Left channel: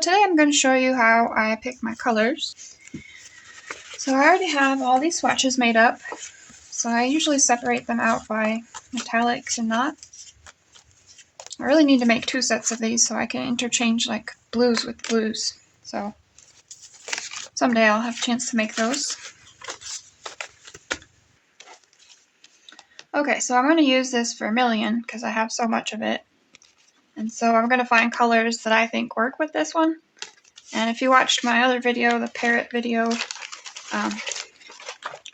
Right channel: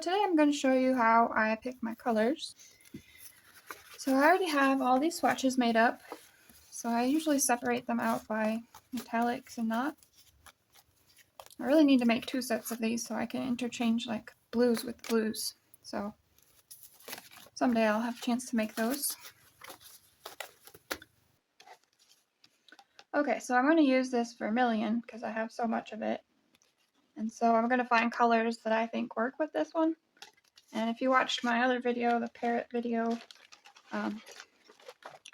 today I'm going to show you how I pick my colors. So I already have all these swatches made up. So I usually separate them out by metallics and not. I really need to make 2 sets of these so I can interchange like blues with blues. So someday I'll have a chance to make those. Okay, so I'm going to use this vermilion because I have so much of it. And so I'm going to find colors that I think work with this one. And if you watched my other video, the parrot video, I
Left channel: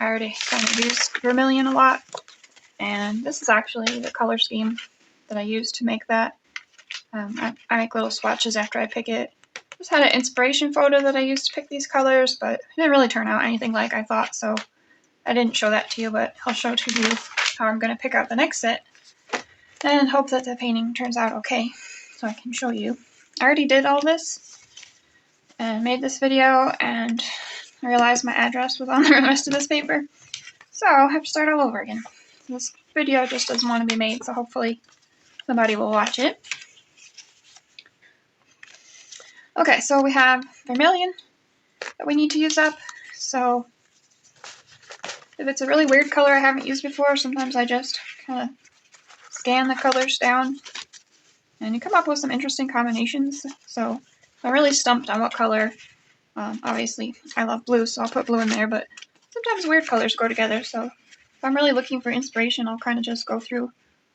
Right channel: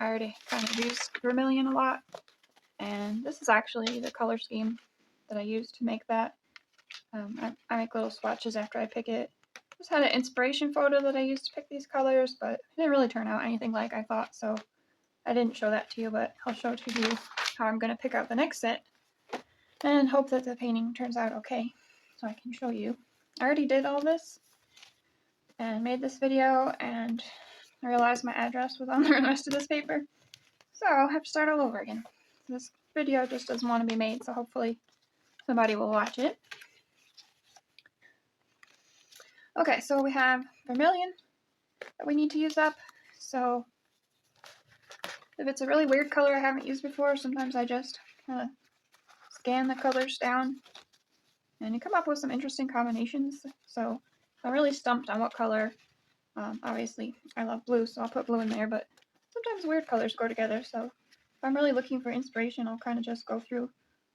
already kind of used vermilion a lot. And this is actually the color scheme that I use to make that. I make little swatches after I pick it. Just had an inspiration photo that I used to pick these colors, but it didn't really turn out anything like I thought, so I didn't show that to you, but I'll show to you how I'm going to pick out the next set and hope that the painting turns out okay so I can show you. I already did all this and made this video, and I realized my address was on the rest of this paper, so I'll have to start all over again. This video just doesn't want to be made, so hopefully somebody will watch it. Okay, so we have vermilion that we need to use up. So if it's a really weird color I haven't used before, sometimes I just kind of scan the colors down and you come up with some interesting combinations. So I'm really stumped on what color. Obviously, I love blue, so I'll put blue in there, but sometimes weird colors go together. So if I'm really looking for inspiration, I'll kind of just go through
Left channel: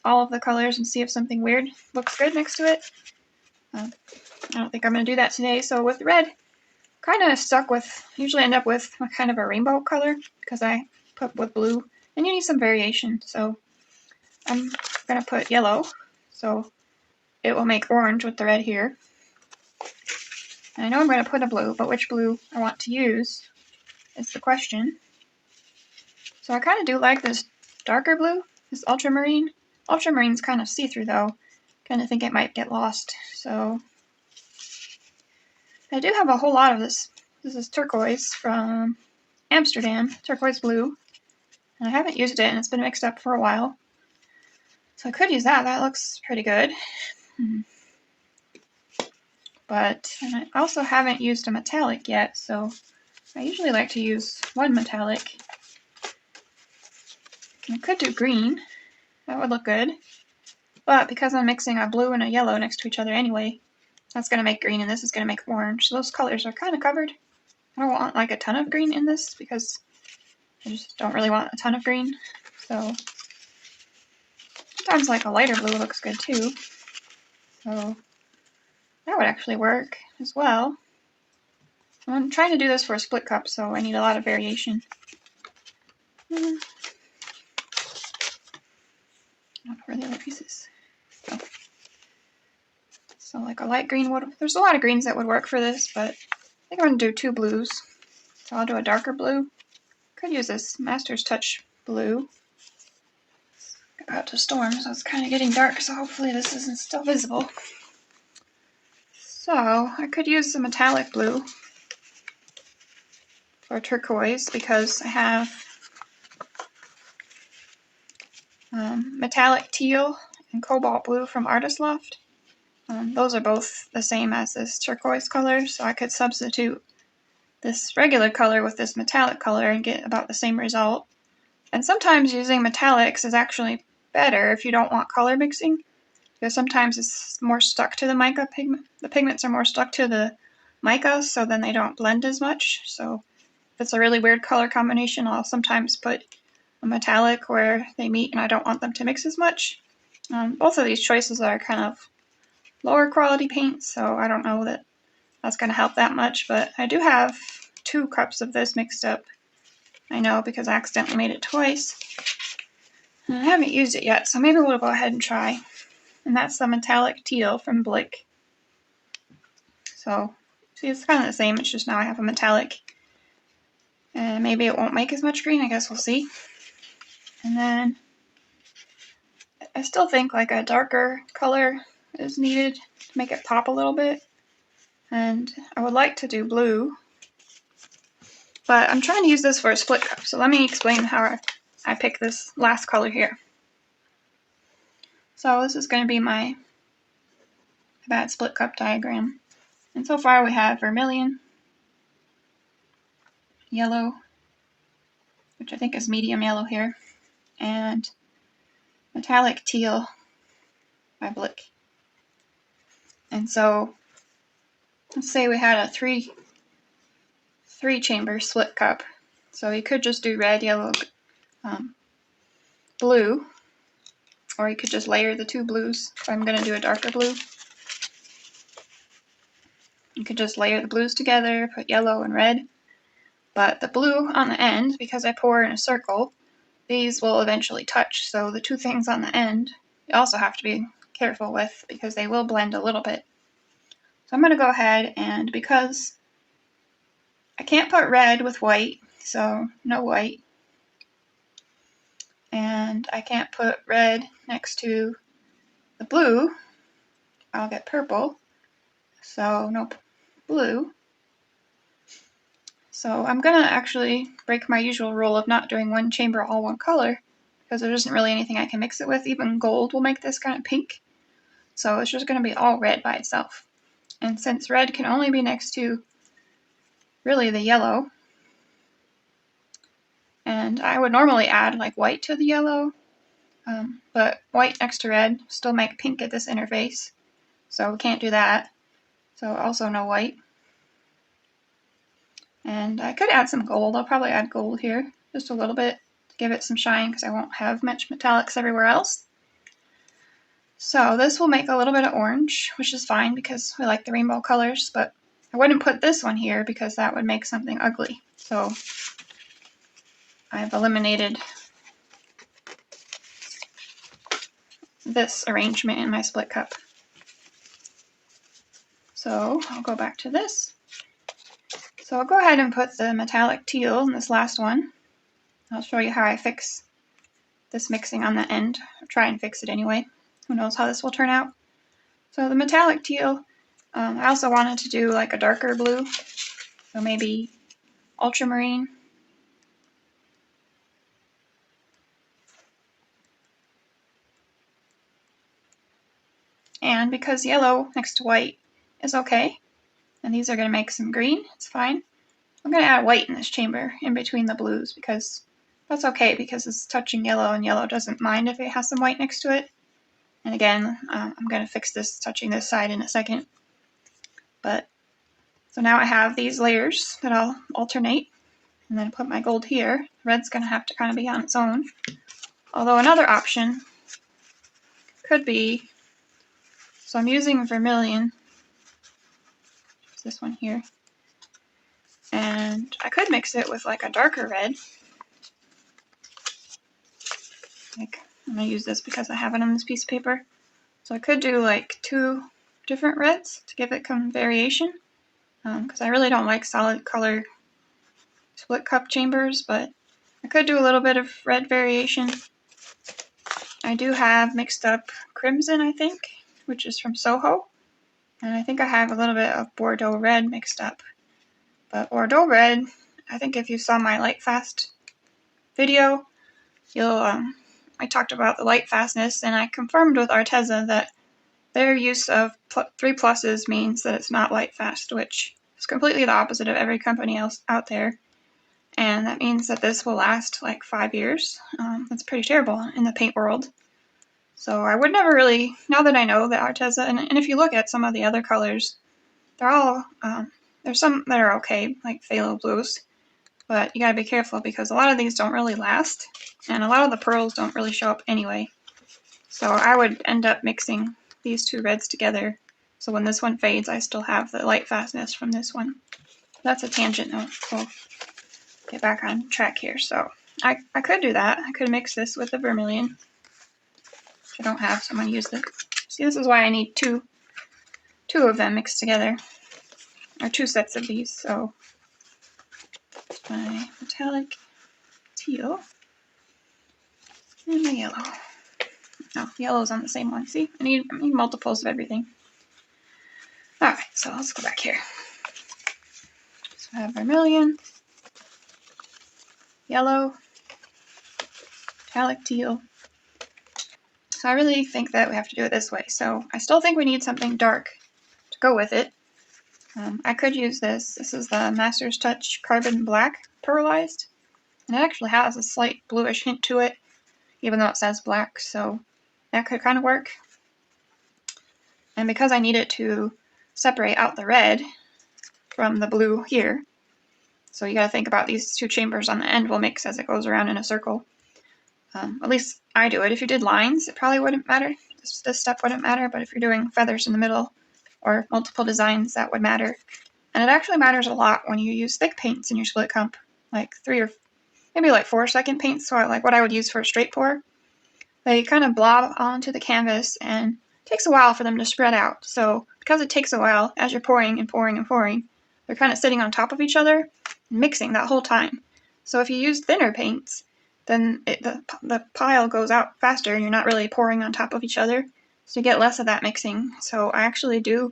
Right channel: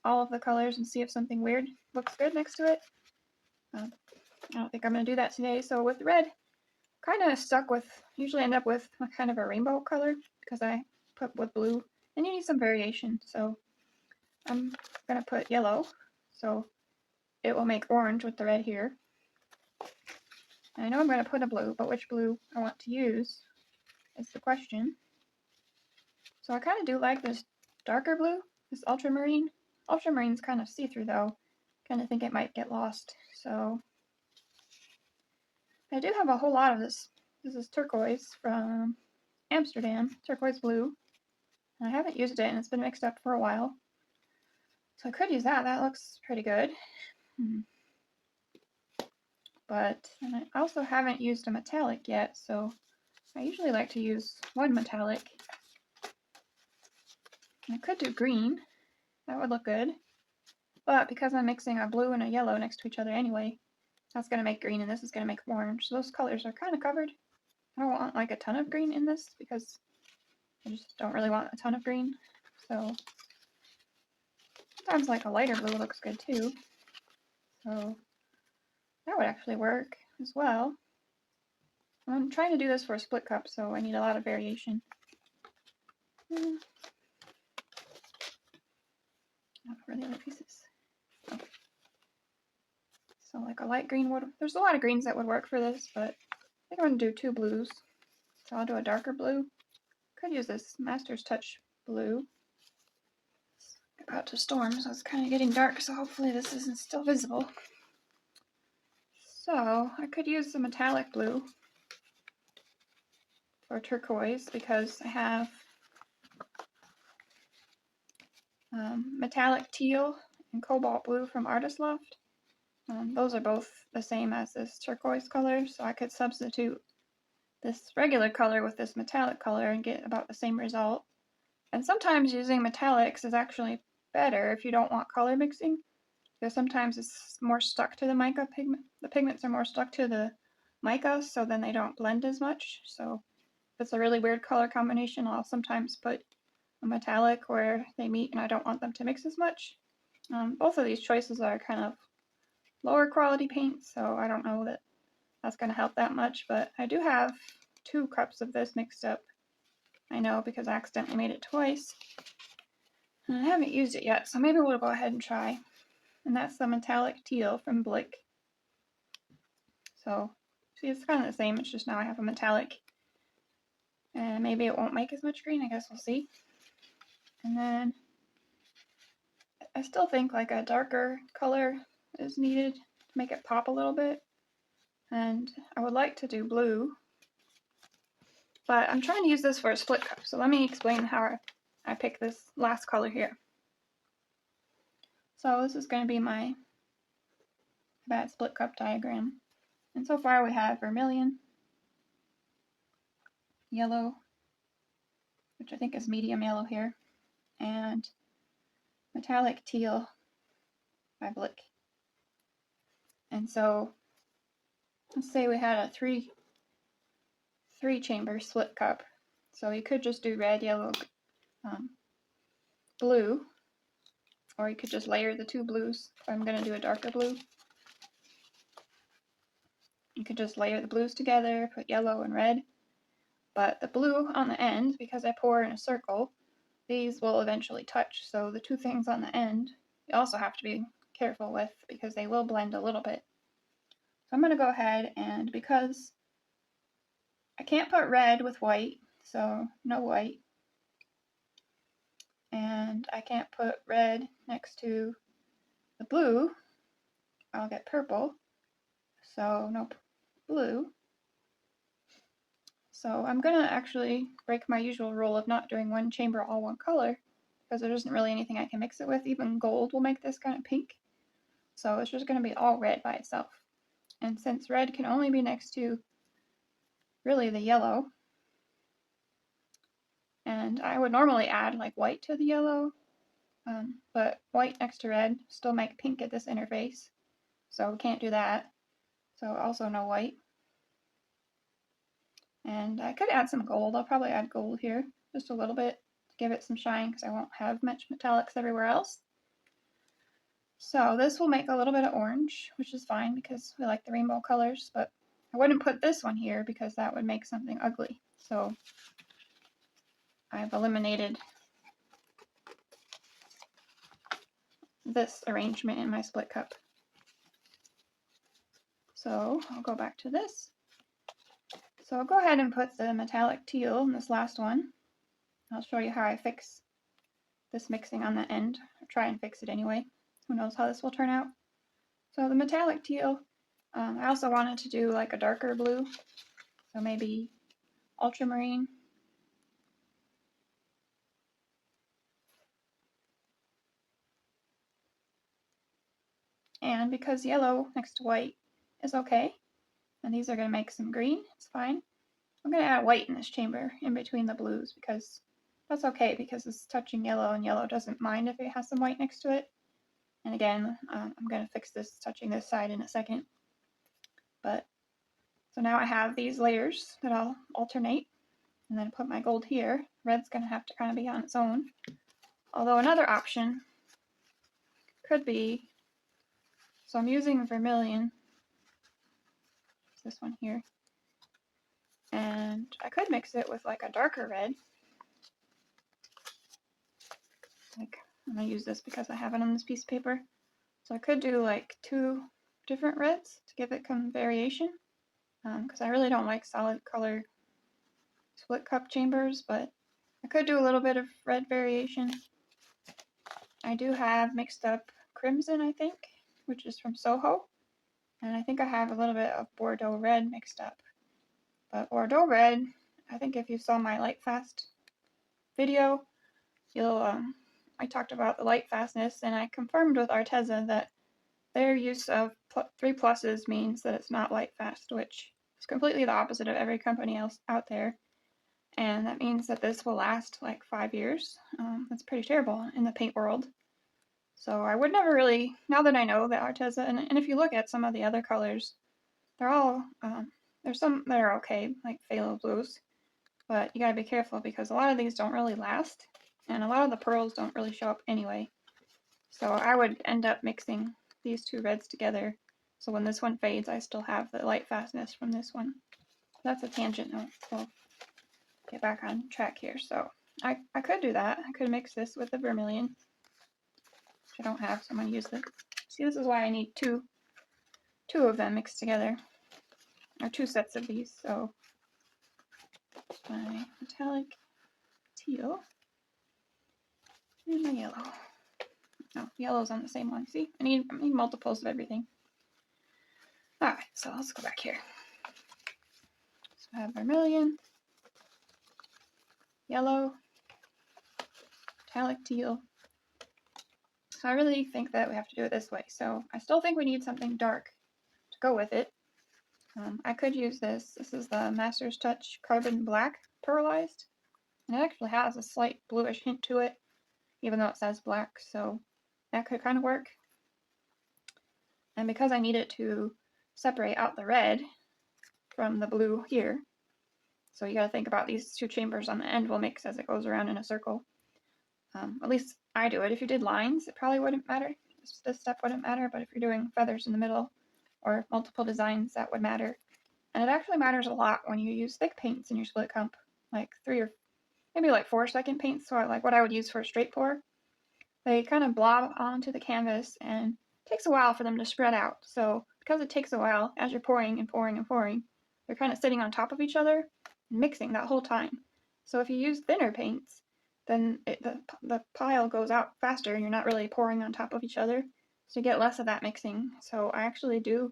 all of the colors and see if something weird looks good next to it. I don't think I'm going to do that today. So with red, kind of stuck with, usually end up with a kind of a rainbow color because I put with blue, and you need some variation. So I'm going to put yellow, so it will make orange with the red here. And I know I'm going to put a blue, but which blue I want to use is the question. So I kind of do like this darker blue, this ultramarine. Ultramarine's kind of see-through though. Kind of think it might get lost. So I do have a whole lot of this. This is turquoise from Amsterdam, turquoise blue. And I haven't used it, and it's been mixed up for a while. So I could use that. That looks pretty good. But and I also haven't used a metallic yet, so I usually like to use one metallic. And I could do green. That would look good. But because I'm mixing a blue and a yellow next to each other anyway, that's going to make green and this is going to make orange. So those colors are kind of covered. I don't want like a ton of green in this because I just don't really want a ton of green. So sometimes like a lighter blue looks good too. So that would actually work as well. I'm trying to do this for a split cup, so I need a lot of variation. Not for the other pieces. So like a light green would, there's a lot of greens that would work for this, but I think I'm going to do 2 blues. So I'll do a darker blue. Could use this Master's Touch blue. It's about to storm, so it's kind of getting dark, so hopefully this isn't still visible. So I could use the metallic blue for turquoise because I have metallic teal and cobalt blue from Artist Loft. Those are both the same as this turquoise color, so I could substitute this regular color with this metallic color and get about the same result. And sometimes using metallics is actually better if you don't want color mixing, because sometimes it's more stuck to the mica pigment. The pigments are more stuck to the mica, so then they don't blend as much. So if it's a really weird color combination, I'll sometimes put a metallic where they meet and I don't want them to mix as much. Both of these choices are kind of lower quality paints, so I don't know that that's going to help that much, but I do have 2 cups of this mixed up. I know because I accidentally made it twice. And I haven't used it yet, so maybe we'll go ahead and try. And that's the metallic teal from Blick. So, see, it's kind of the same, it's just now I have a metallic. And maybe it won't make as much green, I guess we'll see. And then I still think like a darker color is needed to make it pop a little bit. And I would like to do blue. But I'm trying to use this for a split cup, so let me explain how I pick this last color here. So this is going to be my bad split cup diagram. And so far we have vermilion, yellow, which I think is medium yellow here, and metallic teal by Blick. And so let's say we had a three chamber split cup. So you could just do red, yellow, blue, or you could just layer the two blues. So I'm going to do a darker blue. You could just layer the blues together, put yellow and red. But the blue on the end, because I pour in a circle, these will eventually touch. So the two things on the end, you also have to be careful with because they will blend a little bit. So I'm going to go ahead, and because I can't put red with white, so no white. And I can't put red next to the blue. I'll get purple. So no blue. So I'm going to actually break my usual rule of not doing one chamber all one color, because there isn't really anything I can mix it with. Even gold will make this kind of pink. So it's just going to be all red by itself. And since red can only be next to really the yellow, and I would normally add like white to the yellow, but white next to red still make pink at this interface. So we can't do that. So also no white. And I could add some gold. I'll probably add gold here, just a little bit to give it some shine because I won't have much metallics everywhere else. So this will make a little bit of orange, which is fine because we like the rainbow colors, but I wouldn't put this one here because that would make something ugly. So I've eliminated this arrangement in my split cup. So I'll go back to this. So I'll go ahead and put the metallic teal in this last one. I'll show you how I fix this mixing on the end. I'll try and fix it anyway. Who knows how this will turn out. So the metallic teal, I also wanted to do like a darker blue. So maybe ultramarine. And because yellow next to white is okay, and these are going to make some green, it's fine. I'm going to add white in this chamber in between the blues because that's okay because it's touching yellow and yellow doesn't mind if it has some white next to it. And again, I'm going to fix this touching this side in a second. But so now I have these layers that I'll alternate and then put my gold here. Red's going to have to kind of be on its own. Although another option could be, so I'm using vermilion, this one here, and I could mix it with like a darker red. Like, I'm going to use this because I have it on this piece of paper. So I could do like 2 different reds to give it some variation. Because I really don't like solid color split cup chambers, but I could do a little bit of red variation. I do have mixed up crimson, I think, which is from Soho. And I think I have a little bit of Bordeaux red mixed up. But Bordeaux red, I think if you saw my light fast video, I talked about the light fastness, and I confirmed with Arteza that their use of 3 pluses means that it's not light fast, which is completely the opposite of every company else out there. And that means that this will last like 5 years. That's pretty terrible in the paint world. So I would never really, now that I know that Arteza, and if you look at some of the other colors, they're all, there's some that are okay, like phthalo blues, but you gotta be careful because a lot of these don't really last, and a lot of the pearls don't really show up anyway. So I would end up mixing these 2 reds together, so when this one fades, I still have the light fastness from this one. That's a tangent though. We'll get back on track here. So I could do that. I could mix this with the vermilion. I don't have, so I'm going to use this. See, this is why I need two of them mixed together, or 2 sets of these. So my metallic teal and my yellow. No, yellow's on the same one. See, I need multiples of everything. Alright, so let's go back here. So I have vermilion, yellow, metallic teal. So I really think that we have to do it this way. So I still think we need something dark to go with it. I could use this. This is the Master's Touch Carbon Black Pearlized. And it actually has a slight bluish hint to it, even though it says black, so that could kind of work. And because I need it to separate out the red from the blue here, so you got to think about these two chambers on the end will mix as it goes around in a circle. At least I do it. If you did lines, it probably wouldn't matter. This step wouldn't matter, but if you're doing feathers in the middle or multiple designs, that would matter. And it actually matters a lot when you use thick paints in your split comp, like 3 or maybe like 4-second paints, so like what I would use for a straight pour. They kind of blob onto the canvas and it takes a while for them to spread out. So because it takes a while, as you're pouring and pouring and pouring, they're kind of sitting on top of each other and mixing that whole time. So if you use thinner paints, then the pile goes out faster and you're not really pouring on top of each other. So you get less of that mixing. So I actually do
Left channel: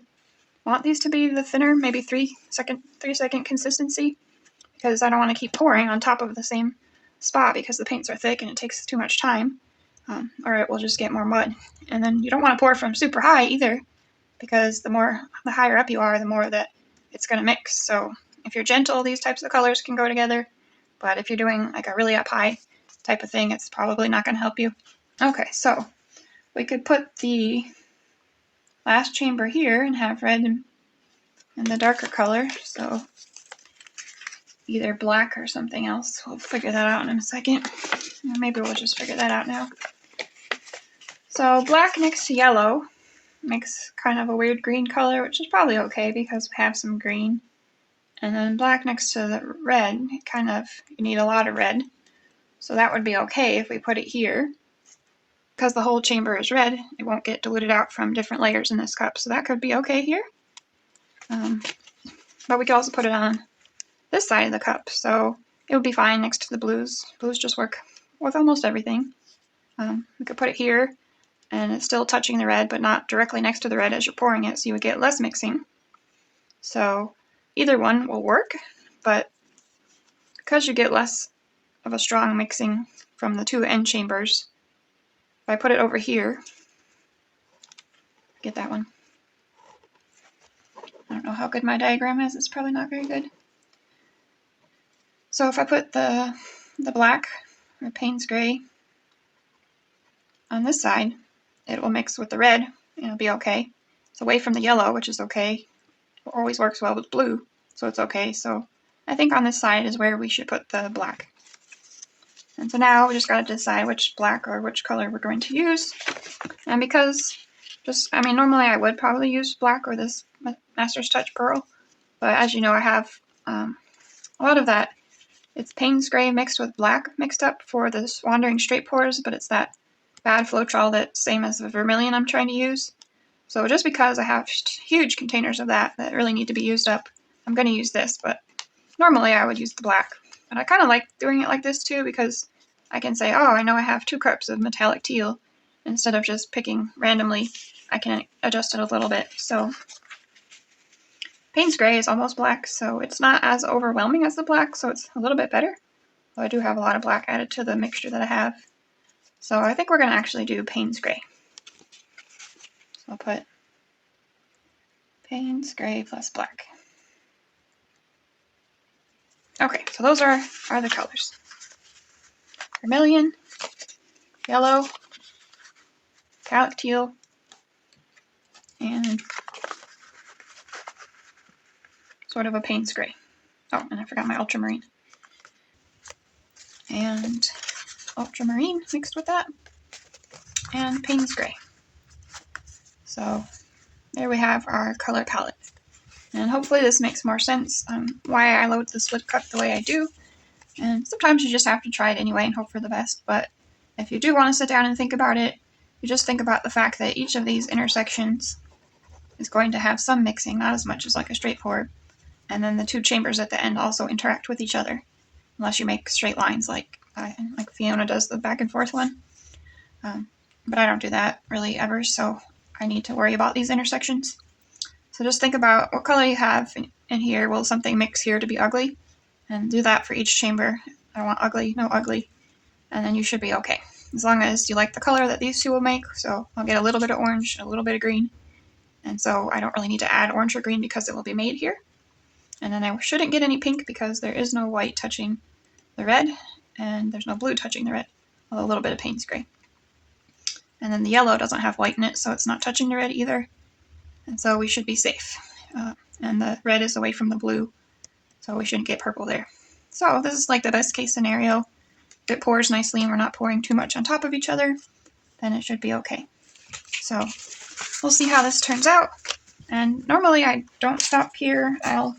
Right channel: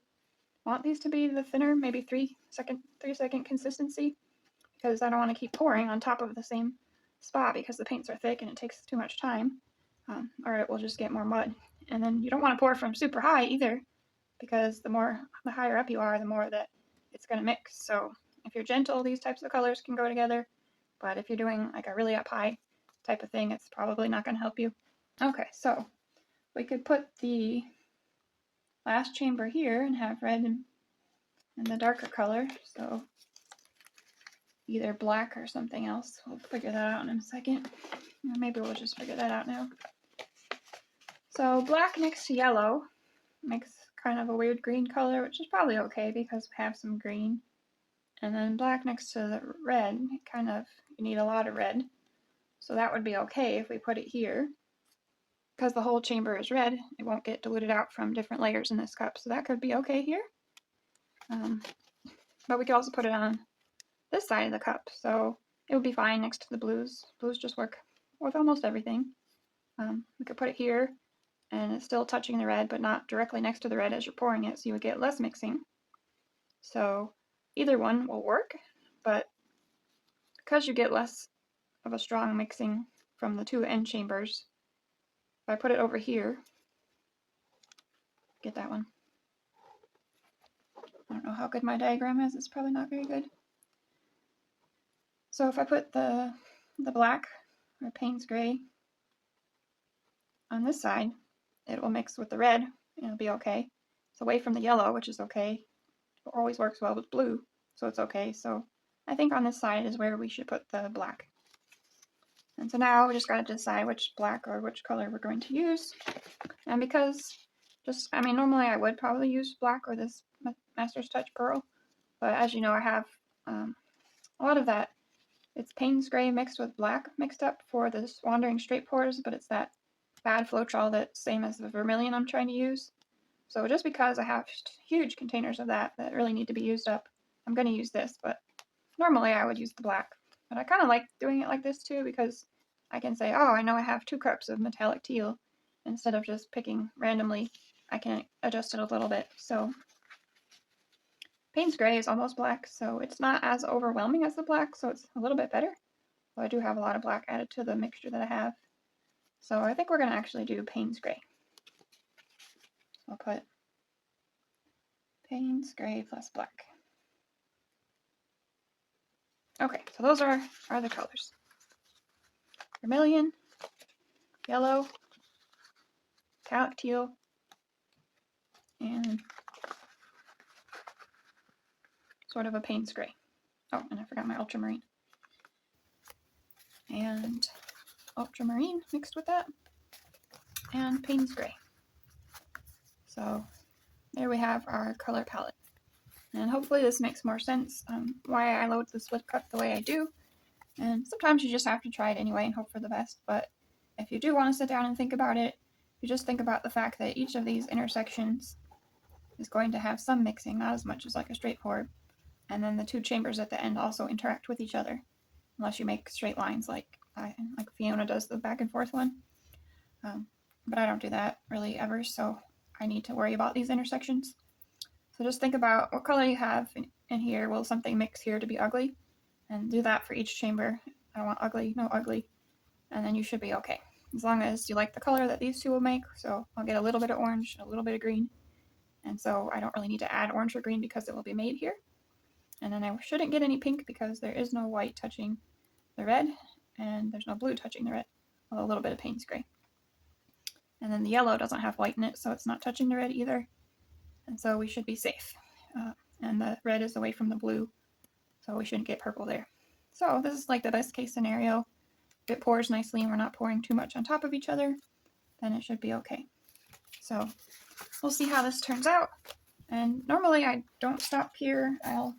want these to be the thinner, maybe 3-second consistency, because I don't want to keep pouring on top of the same spot because the paints are thick and it takes too much time, or it will just get more mud. And then you don't want to pour from super high either, because the higher up you are, the more that it's going to mix. So if you're gentle, these types of colors can go together, but if you're doing like a really up high type of thing, it's probably not going to help you. Okay, so we could put the last chamber here and have red in the darker color, so either black or something else. We'll figure that out in a second. Or maybe we'll just figure that out now. So black next to yellow makes kind of a weird green color, which is probably okay because we have some green. And then black next to the red, you need a lot of red. So that would be okay if we put it here. Because the whole chamber is red, it won't get diluted out from different layers in this cup. So that could be okay here. But we could also put it on this side of the cup, so it would be fine next to the blues. Blues just work with almost everything. We could put it here, and it's still touching the red, but not directly next to the red as you're pouring it, so you would get less mixing. So either one will work, but because you get less of a strong mixing from the two end chambers, if I put it over here, get that one. I don't know how good my diagram is, it's probably not very good. So if I put the black or Payne's gray on this side, it will mix with the red and it'll be okay. It's away from the yellow, which is okay. It always works well with blue, so it's okay. So I think on this side is where we should put the black. And so now we just got to decide which black or which color we're going to use. And because normally I would probably use black or this Master's Touch Pearl, but as you know, I have a lot of that. It's Payne's gray mixed with black mixed up for this wandering straight pours, but it's that bad Floetrol that's same as the vermilion I'm trying to use. So just because I have huge containers of that really need to be used up, I'm going to use this, but normally I would use the black. But I kind of like doing it like this too, because I can say, oh, I know I have 2 cups of metallic teal. Instead of just picking randomly, I can adjust it a little bit. So Payne's gray is almost black, so it's not as overwhelming as the black, so it's a little bit better. Though I do have a lot of black added to the mixture that I have. So I think we're going to actually do Payne's gray. So I'll put Payne's gray plus black. Okay, so those are the colors. Vermilion, yellow, metallic teal, and sort of a Payne's gray. Oh, and I forgot my ultramarine. And ultramarine mixed with that, and Payne's gray. So there we have our color palette. And hopefully this makes more sense on why I load the split cup the way I do. And sometimes you just have to try it anyway and hope for the best. But if you do want to sit down and think about it, you just think about the fact that each of these intersections is going to have some mixing, not as much as like a straight pour. And then the 2 chambers at the end also interact with each other, unless you make straight lines like Fiona does the back and forth one. But I don't do that really ever, so I need to worry about these intersections. So just think about what color you have in here. Will something mix here to be ugly? And do that for each chamber. I don't want ugly, no ugly. And then you should be okay. As long as you like the color that these 2 will make. So I'll get a little bit of orange, a little bit of green. And so I don't really need to add orange or green because it will be made here. And then I shouldn't get any pink because there is no white touching the red, and there's no blue touching the red, although a little bit of Payne's gray. And then the yellow doesn't have white in it, so it's not touching the red either. And so we should be safe. And the red is away from the blue, so we shouldn't get purple there. So this is like the best case scenario. If it pours nicely and we're not pouring too much on top of each other, then it should be okay. So we'll see how this turns out. And normally I don't stop here. I'll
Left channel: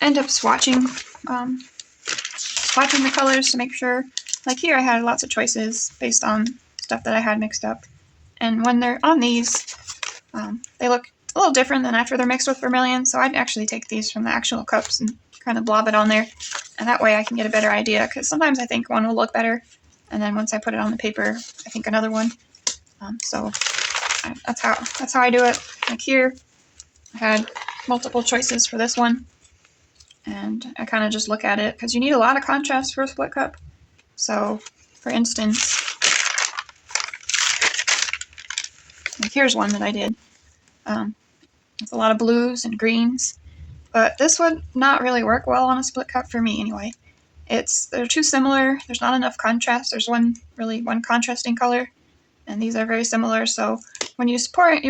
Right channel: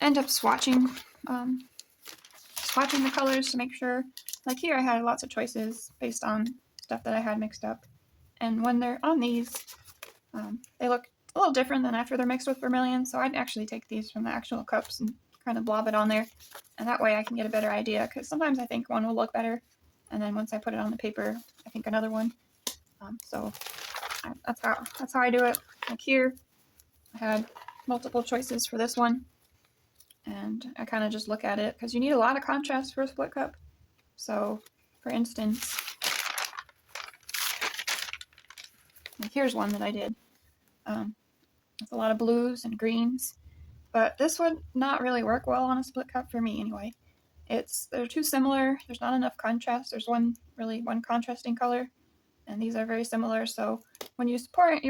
end up swatching the colors to make sure. Like here I had lots of choices based on stuff that I had mixed up. And when they're on these, they look a little different than after they're mixed with vermilion. So I'd actually take these from the actual cups and kind of blob it on there. And that way I can get a better idea, because sometimes I think one will look better, and then once I put it on the paper, I think another one. That's how I do it. Like here, I had multiple choices for this one, and I kind of just look at it, because you need a lot of contrast for a split cup. So, for instance, like here's one that I did. It's a lot of blues and greens. But this would not really work well on a split cup for me anyway. They're too similar. There's not enough contrast. There's one contrasting color, and these are very similar. So when you're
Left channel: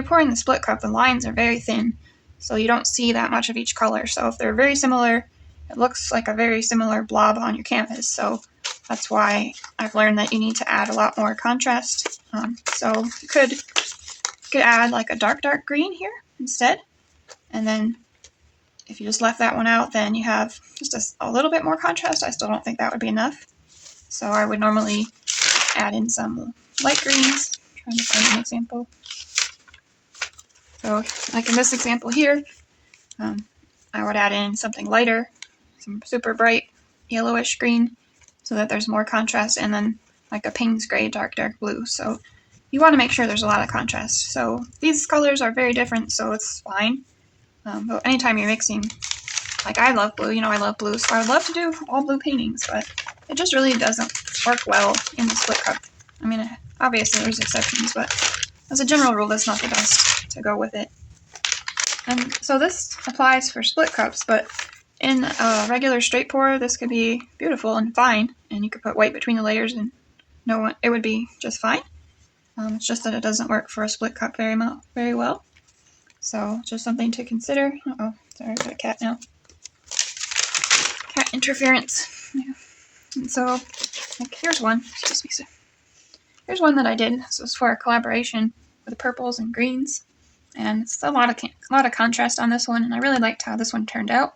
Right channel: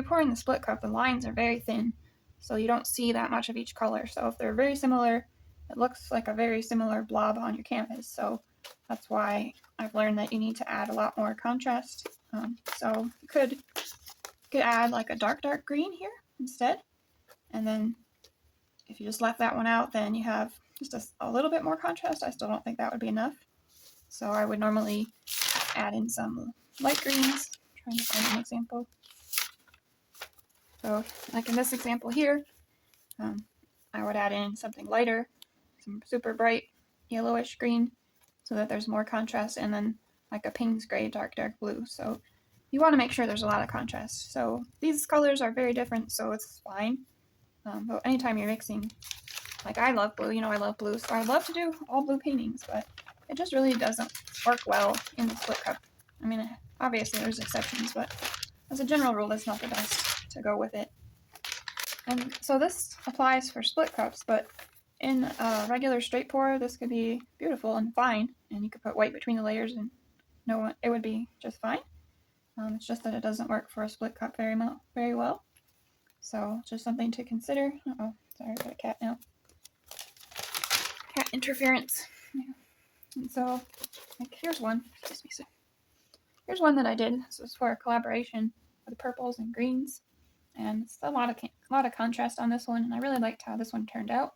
pouring the split cup, the lines are very thin, so you don't see that much of each color. So if they're very similar, it looks like a very similar blob on your canvas. So that's why I've learned that you need to add a lot more contrast. So you could add like a dark green here instead, and then if you just left that one out, then you have just a little bit more contrast. I still don't think that would be enough. So I would normally add in some light greens. I'm trying to find an example. So like in this example here, I would add in something lighter, some super bright yellowish green, so that there's more contrast, and then like a Payne's gray, dark blue. So you want to make sure there's a lot of contrast. So these colors are very different, so it's fine. But anytime you're mixing, like I love blue, I love blue, so I would love to do all blue paintings, but it just really doesn't work well in the split cup. I mean, obviously there's exceptions, but as a general rule, that's not the best to go with it. And so this applies for split cups, but in a regular straight pour, this could be beautiful and fine, and you could put white between the layers and it would be just fine. It's just that it doesn't work for a split cup very well. So just something to consider. Uh-oh, sorry, I've got a cat now. Cat interference. Yeah. And so, like, here's one. Excuse me, sir. Here's one that I did. This was for a collaboration with purples and greens, and it's a lot of contrast on this one, and I really liked how this one turned out.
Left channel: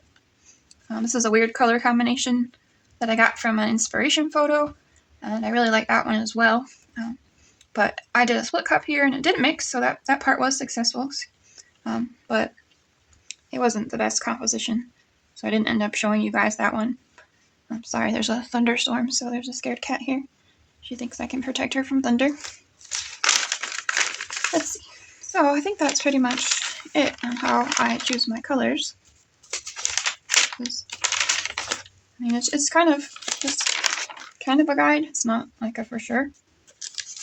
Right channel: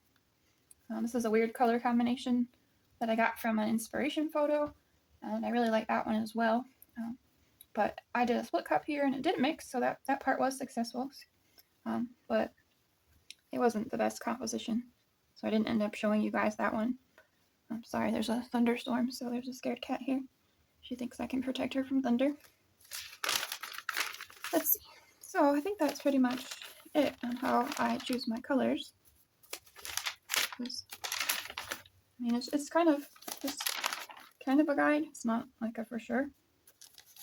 This is a weird color combination that I got from an inspiration photo, and I really like that one as well. But I did a split cup here, and it didn't mix, so that part was successful. But it wasn't the best composition, so I didn't end up showing you guys that one. I'm sorry, there's a thunderstorm, so there's a scared cat here. She thinks I can protect her from thunder. Let's see. So I think that's pretty much it on how I choose my colors. I mean, it's kind of just a guide. It's not like a for sure.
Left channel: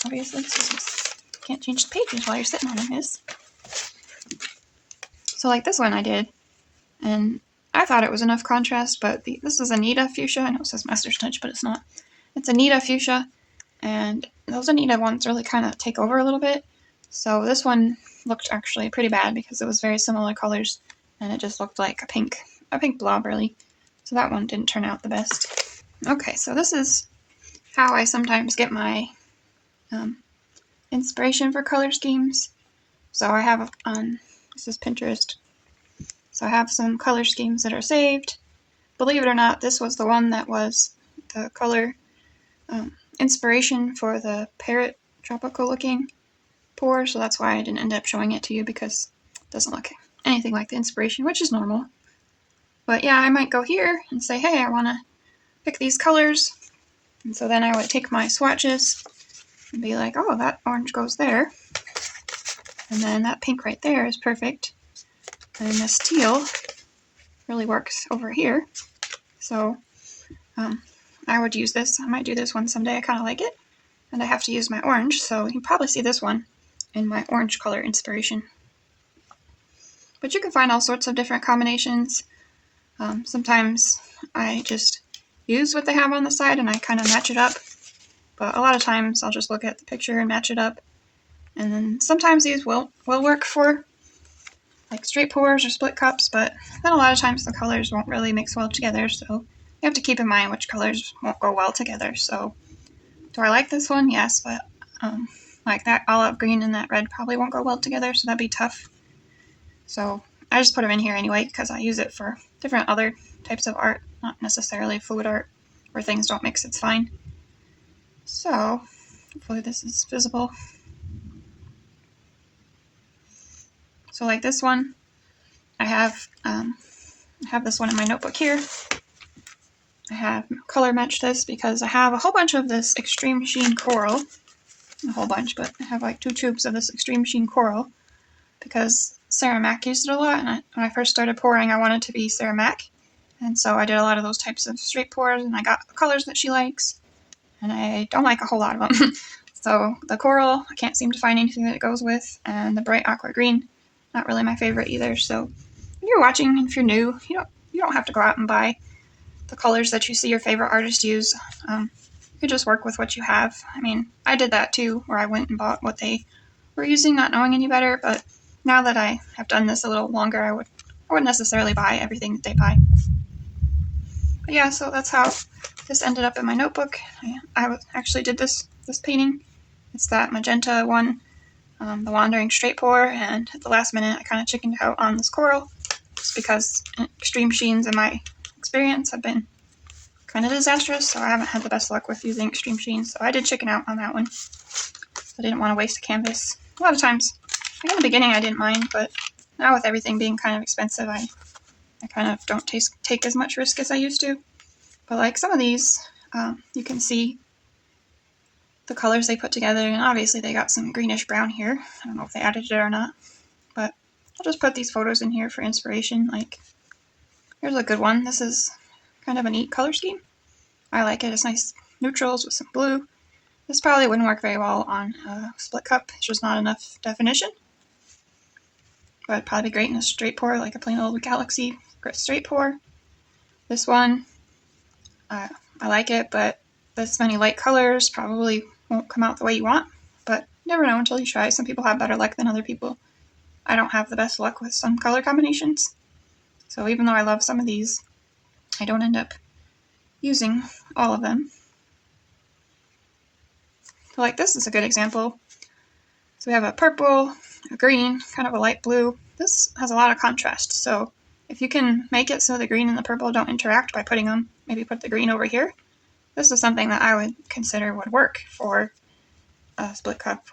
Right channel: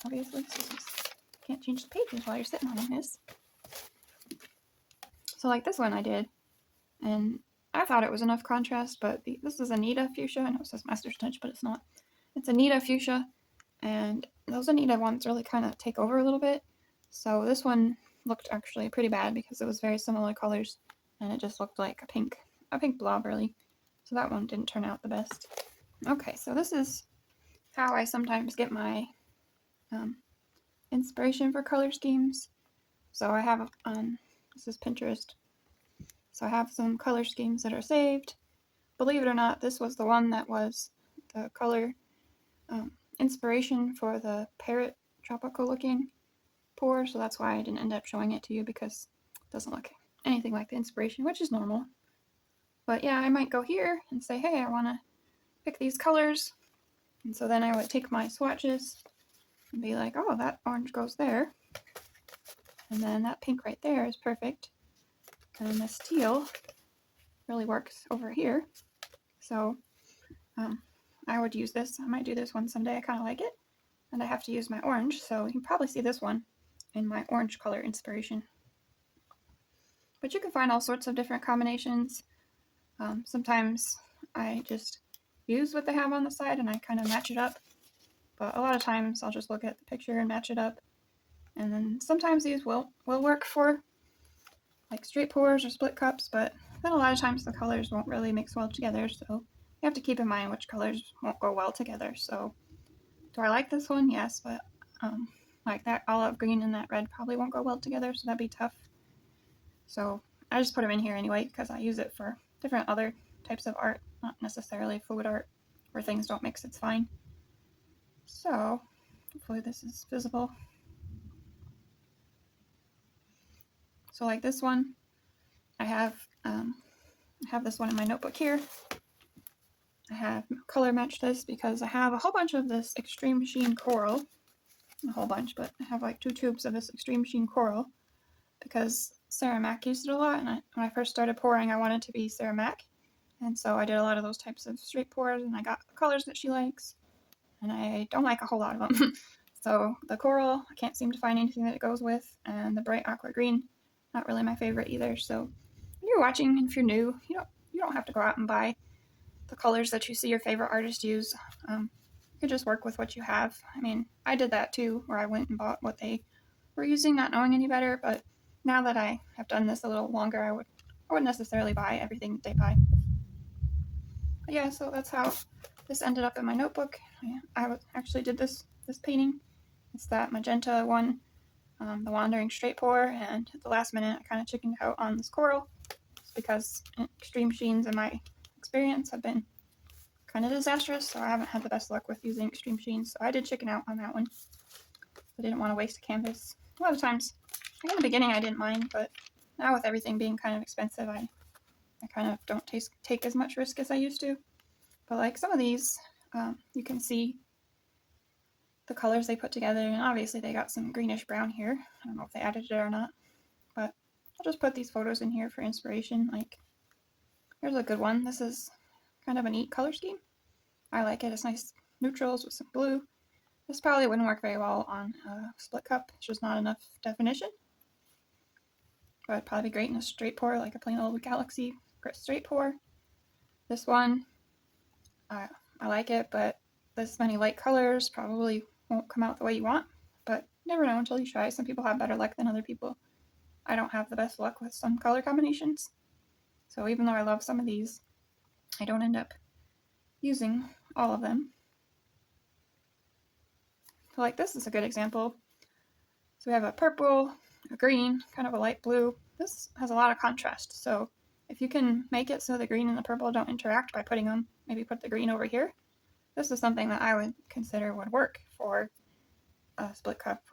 Obviously, can't change the pages while you're sitting on this. So like this one I did, and I thought it was enough contrast, but this is Anita fuchsia. I know it says Master's Touch, but it's not. It's Anita fuchsia, and those Anita ones really kind of take over a little bit. So this one looked actually pretty bad because it was very similar colors, and it just looked like a pink blob really. So that one didn't turn out the best. Okay, so this is how I sometimes get my inspiration for color schemes. So I have this is Pinterest. So I have some color schemes that are saved. Believe it or not, this was the one that was the color inspiration for the parrot tropical looking pour. So that's why I didn't end up showing it to you, because it doesn't look anything like the inspiration, which is normal. But yeah, I might go here and say, hey, I want to pick these colors. And so then I would take my swatches and be like, oh, that orange goes there. And then that pink right there is perfect. And this teal really works over here. So I would use this. I might do this one someday. I kind of like it. And I have to use my orange. So you can probably see this one in my orange color inspiration. But you can find all sorts of different combinations. Sometimes I just use what they have on the side and I kind of match it up. But a lot of times I'll just look at the picture and match it up. And then sometimes these will work for like straight pours or split cups, but then a lot of times the colors won't really mix well together, so you have to keep in mind which colors won't go well together. So do I like this one? Yes, but like that olive green and that red probably won't go well together, so that'd be tough. So I just put them in here anyway because I use it for different other types of art, not necessarily fluid art where things don't mix, it's fine. So hopefully this is visible. So like this one, I have this one in my notebook here. I have color matched this because I have a whole bunch of this extreme sheen coral. A whole bunch, but I have like 2 tubes of this extreme sheen coral because Sarah Mac used it a lot, and when I first started pouring, I wanted to be Sarah Mac, and so I did a lot of those types of straight pours, and I got the colors that she likes, and I don't like a whole lot of them. So the coral, I can't seem to find anything that it goes with, and the bright aqua green, not really my favorite either. So when you're watching, if you're new, you don't have to go out and buy the colors that you see your favorite artist use. You just work with what you have. I mean, I did that too, where I went and bought what they were using, not knowing any better, but now that I have done this a little longer, I wouldn't necessarily buy everything that they buy. But yeah, so that's how this ended up in my notebook. I actually did this painting. It's that magenta one, the Wandering Straight Pour, and at the last minute I kind of chickened out on this coral, just because extreme sheens in my experience have been kind of disastrous, so I haven't had the best luck with using extreme sheens, so I did chicken out on that one. I didn't want to waste a canvas. A lot of times, like in the beginning I didn't mind, but now with everything being kind of expensive, I kind of don't take as much risk as I used to. But like some of these, you can see the colors they put together, and obviously they got some greenish brown here. I don't know if they added it or not, but I'll just put these photos in here for inspiration. Like, here's a good one. This is kind of a neat color scheme. I like it. It's nice neutrals with some blue. This probably wouldn't work very well on a split cup. It's just not enough definition. But it'd probably be great in a straight pour, like a plain old galaxy straight pour. This one, I like it, but this many light colors probably won't come out the way you want. But you never know until you try. Some people have better luck than other people. I don't have the best luck with some color combinations. So even though I love some of these, I don't end up using all of them. So like this is a good example. So we have a purple, a green, kind of a light blue. This has a lot of contrast, so if you can make it so the green and the purple don't interact by putting them, maybe put the green over here, this is something that I would consider would work for a split cup.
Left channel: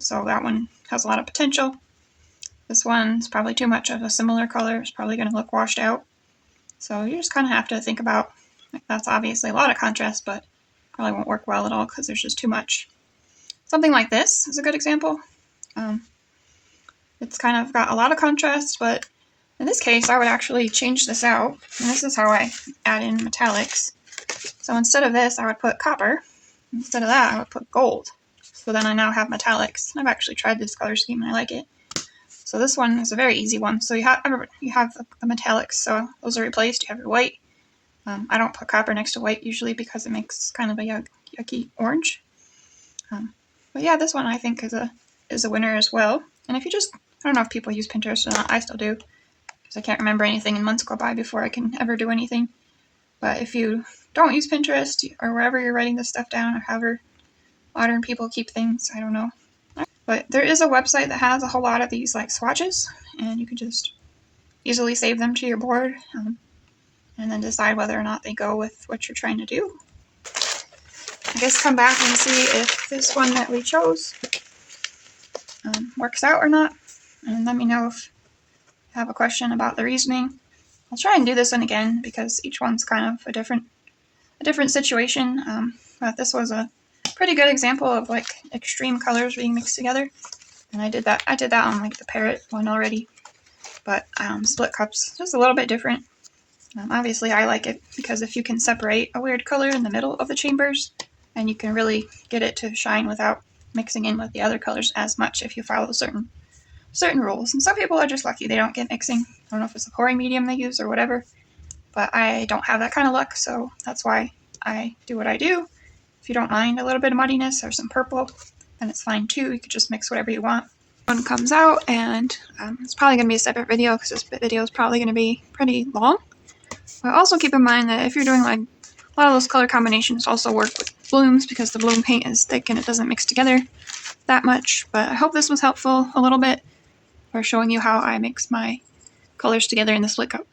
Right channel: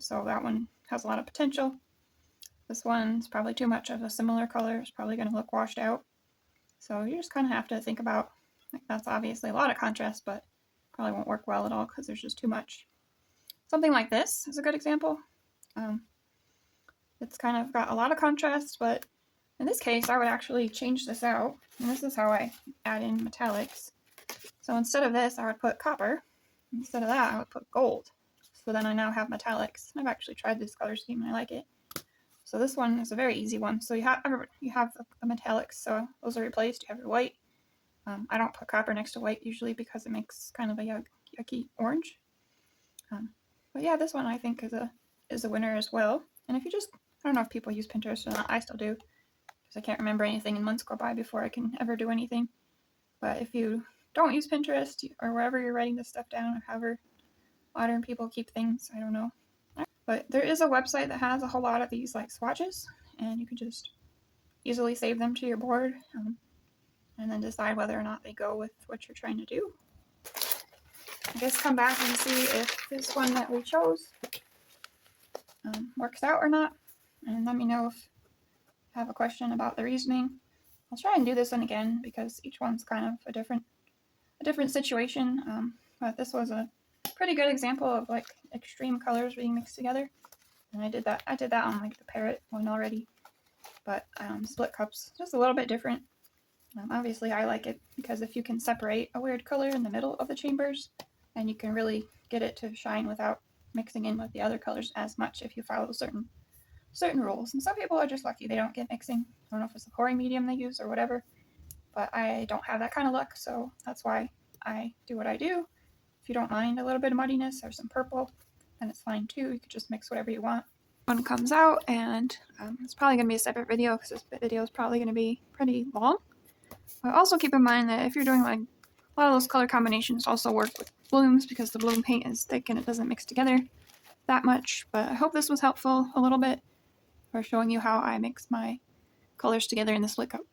So that one has a lot of potential. This one's probably too much of a similar color. It's probably going to look washed out. So you just kind of have to think about, like, that's obviously a lot of contrast, but probably won't work well at all because there's just too much. Something like this is a good example. It's kind of got a lot of contrast, but in this case, I would actually change this out. And this is how I add in metallics. So instead of this, I would put copper. Instead of that, I would put gold. So then I now have metallics. I've actually tried this color scheme and I like it. So this one is a very easy one. So you have the metallics, so those are replaced. You have your white. I don't put copper next to white usually because it makes kind of a yucky orange. But yeah, this one I think is a winner as well. And if you just, I don't know if people use Pinterest or not, I still do, because I can't remember anything and months go by before I can ever do anything. But if you don't use Pinterest or wherever you're writing this stuff down, or however modern people keep things, I don't know. But there is a website that has a whole lot of these like swatches, and you can just easily save them to your board, and then decide whether or not they go with what you're trying to do. I guess come back and see if this one that we chose works out or not, and let me know if you have a question about the reasoning. I'll try and do this one again because each one's kind of a different situation, but this was a pretty good example of like extreme colors being mixed together, and I did that on like the parrot one already, but split cups just a little bit different. Obviously I like it because if you can separate a weird color in the middle of the chambers, and you can really get it to shine without mixing in with the other colors as much if you follow certain certain rules. And some people are just lucky they don't get mixing. I don't know if it's a pouring medium they use or whatever, but I don't have that kind of luck, so that's why I do what I do. If you don't mind a little bit of muddiness or some purple, then it's fine too. You could just mix whatever you want. One comes out, and it's probably going to be a separate video because this video is probably going to be pretty long. But also keep in mind that if you're doing like a lot of those color combinations also work with blooms because the bloom paint is thick and it doesn't mix together that much. But I hope this was helpful a little bit for showing you how I mix my colors together in the split cup.